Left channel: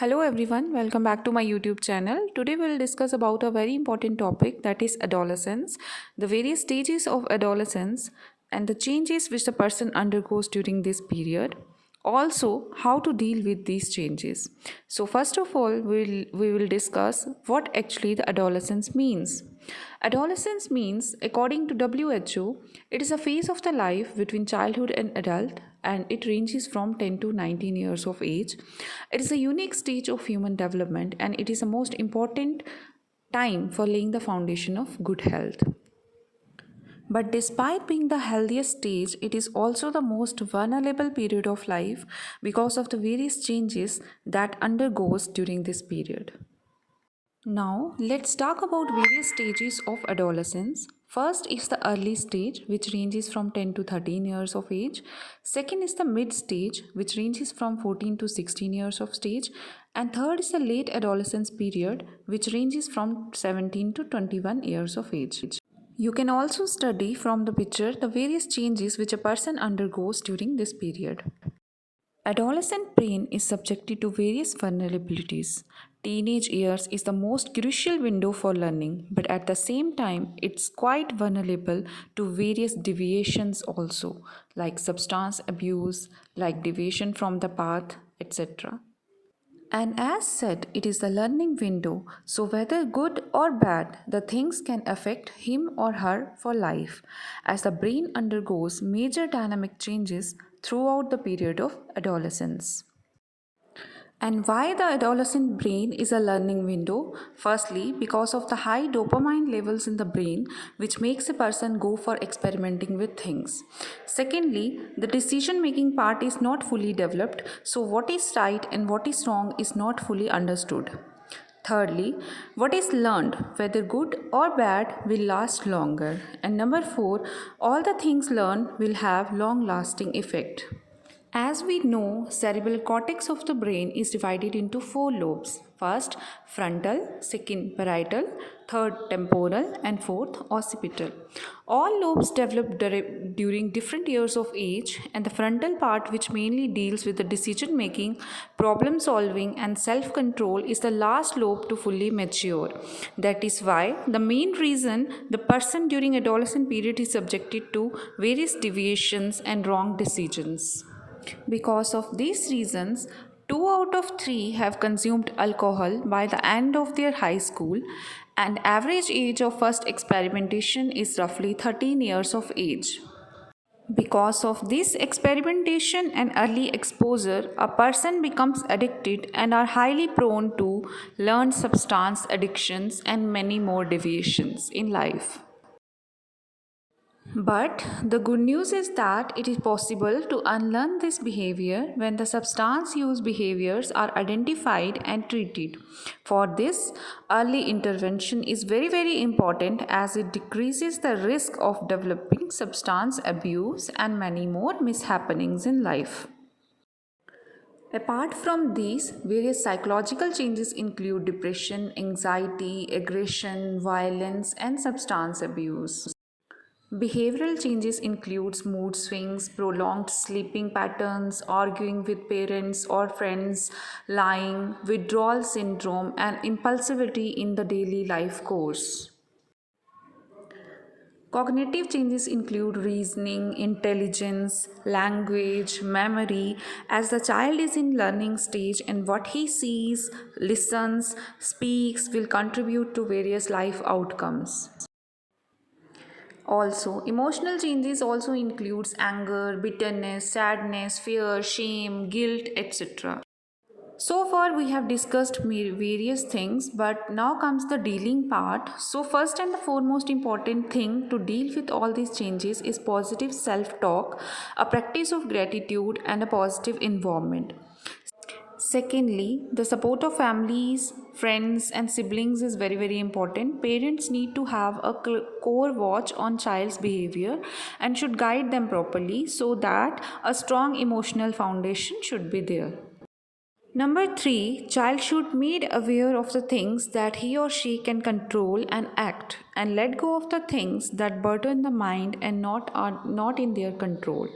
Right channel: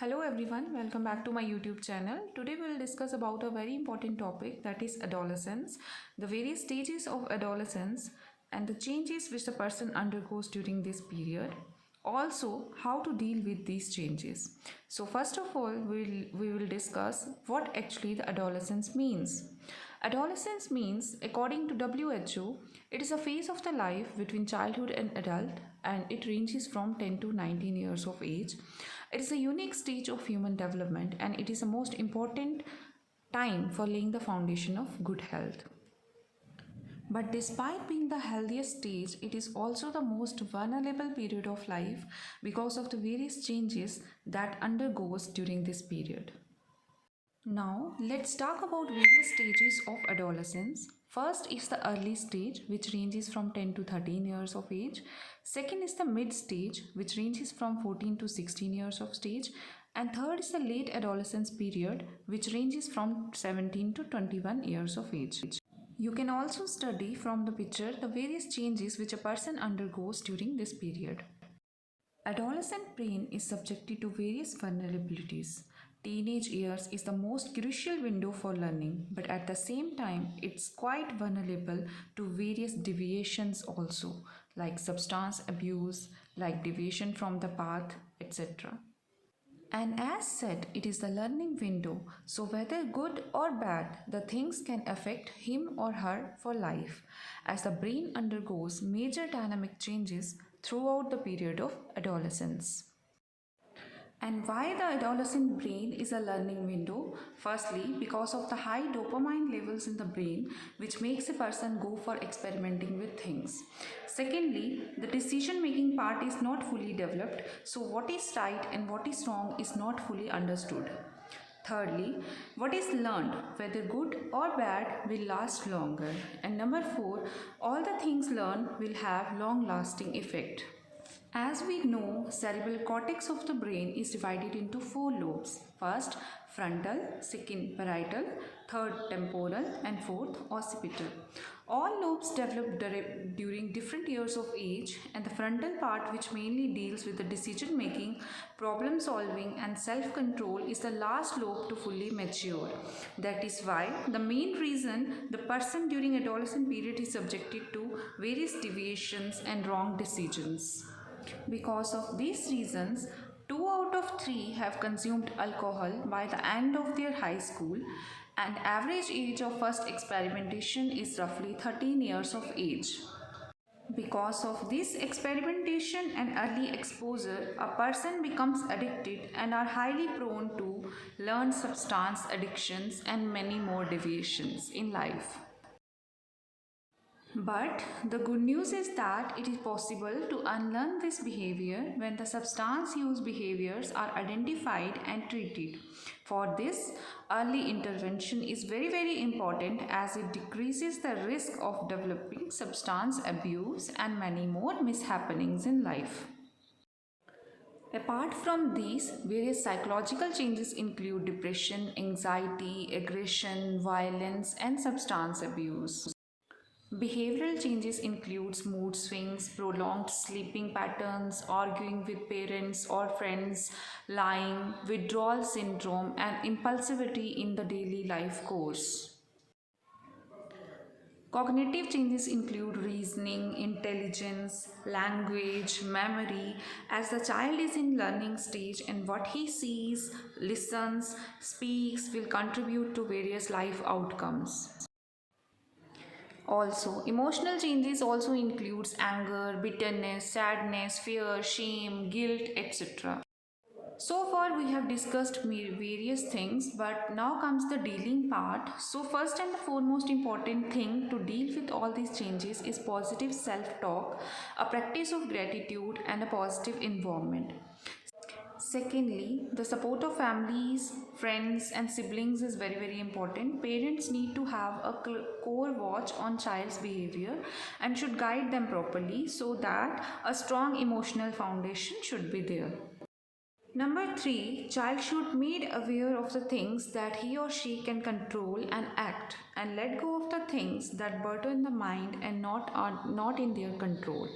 Hello everyone, welcome back to my YouTube channel. Today we'll discuss about a very important topic, that is adolescence, the various stages of adolescence and the changes which the person undergoes during this period. Also, how to deal with these changes. So first of all, we will discuss what actually the adolescence means. Adolescence means, according to WHO, it is a phase of the life between childhood and adult, and it ranges from 10 to 19 years of age. It is a unique stage of human development, and it is the most important time for laying the foundation of good health. But despite being the healthiest stage, it is also the most vulnerable period of life because of the various changes that undergoes during this period. Now, let's talk about various stages of adolescence. First is the early stage, which ranges from 10 to 13 years of age. Second is the mid stage, which ranges from 14 to 16 years of stage. And third is the late adolescence period, which ranges from 17 to 21 years of age. You can also study from the picture the various changes which a person undergoes during this period. Adolescent brain is subjected to various vulnerabilities. Teenage years is the most crucial window for learning, but at the same time, it's quite vulnerable to various deviations also, like substance abuse, like deviation from the path, etc. And as said, it is the learning window, so whether good or bad, the things can affect him or her for life, as the brain undergoes major dynamic changes throughout the period of adolescence. And why the adolescent brain is a learning window? Firstly, because of the high dopamine levels in the brain, which makes a person go for experimenting with things. Secondly, the decision making part is not fully developed, so what is right and what is wrong is not fully understood. Thirdly, what is learned, whether good or bad, will last longer. And number four, all the things learned will have long lasting effect. As we know, cerebral cortex of the brain is divided into four lobes. First, frontal, second, parietal, third, temporal, and fourth, occipital. All lobes develop during different years of age, and the frontal part, which mainly deals with the decision making, problem solving, and self control, is the last lobe to fully mature. That is why the main reason the person during adolescent period is subjected to various deviations and wrong decisions. Because of these reasons, 2 out of 3 have consumed alcohol by the end of their high school, and average age of first experimentation is roughly 13 years of age. Because of this experimentation and early exposure, a person becomes addicted and are highly prone to learn substance addictions and many more deviations in life. But the good news is that it is possible to unlearn this behavior when the substance use behaviors are identified and treated. For this, early intervention is very important as it decreases the risk of developing substance abuse and many more mishappenings in life. Apart from these, various psychological changes include depression, anxiety, aggression, violence, and substance abuse. Behavioral changes includes mood swings, prolonged sleeping patterns, arguing with parents or friends, lying, withdrawal syndrome, and impulsivity in the daily life course. Cognitive changes include reasoning, intelligence, language, memory, as the child is in learning stage and what he sees, listens, speaks will contribute to various life outcomes. Also, emotional changes also includes anger, bitterness, sadness, fear, shame, guilt, etc. So far we have discussed various things, but now comes the dealing part. So first and the foremost important thing to deal with all these changes is positive self-talk, a practice of gratitude and a positive environment. Secondly, the support of families, friends, and siblings is very important. Parents need to have a core watch on child's behavior and should guide them properly so that a strong emotional foundation should be there. Number 3, child should made aware of the things that he or she can control and act and let go of the things that burden the mind and not in their control.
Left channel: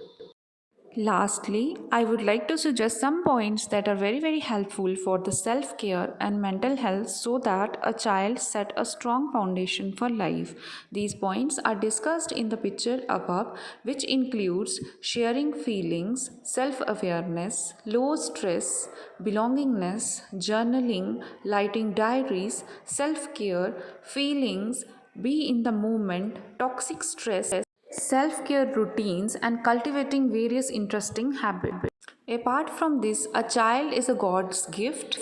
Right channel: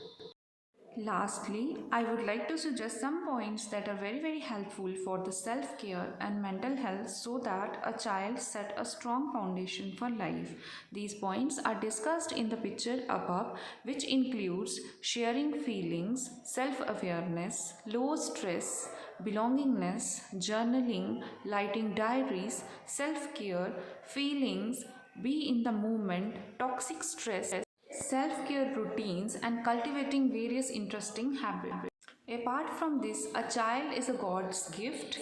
Lastly, I would like to suggest some points that are very helpful for the self care and mental health so that a child set a strong foundation for life. These points are discussed in the picture above, which includes sharing feelings, self awareness, low stress, belongingness, journaling, lighting diaries, self care, feelings, be in the moment, toxic stress, self care routines, and cultivating various interesting habits. Apart from this, a child is a God's gift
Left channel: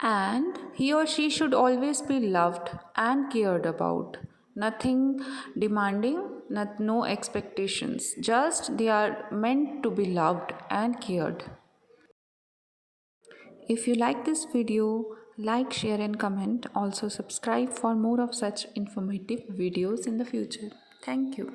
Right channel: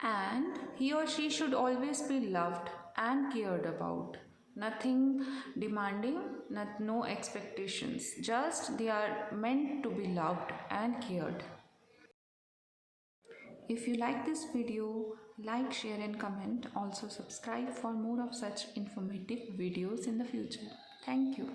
and he or she should always be loved and cared about. Nothing demanding, no expectations, just they are meant to be loved and cared. If you like this video, like, share, and comment. Also, subscribe for more of such informative videos in the future. Thank you.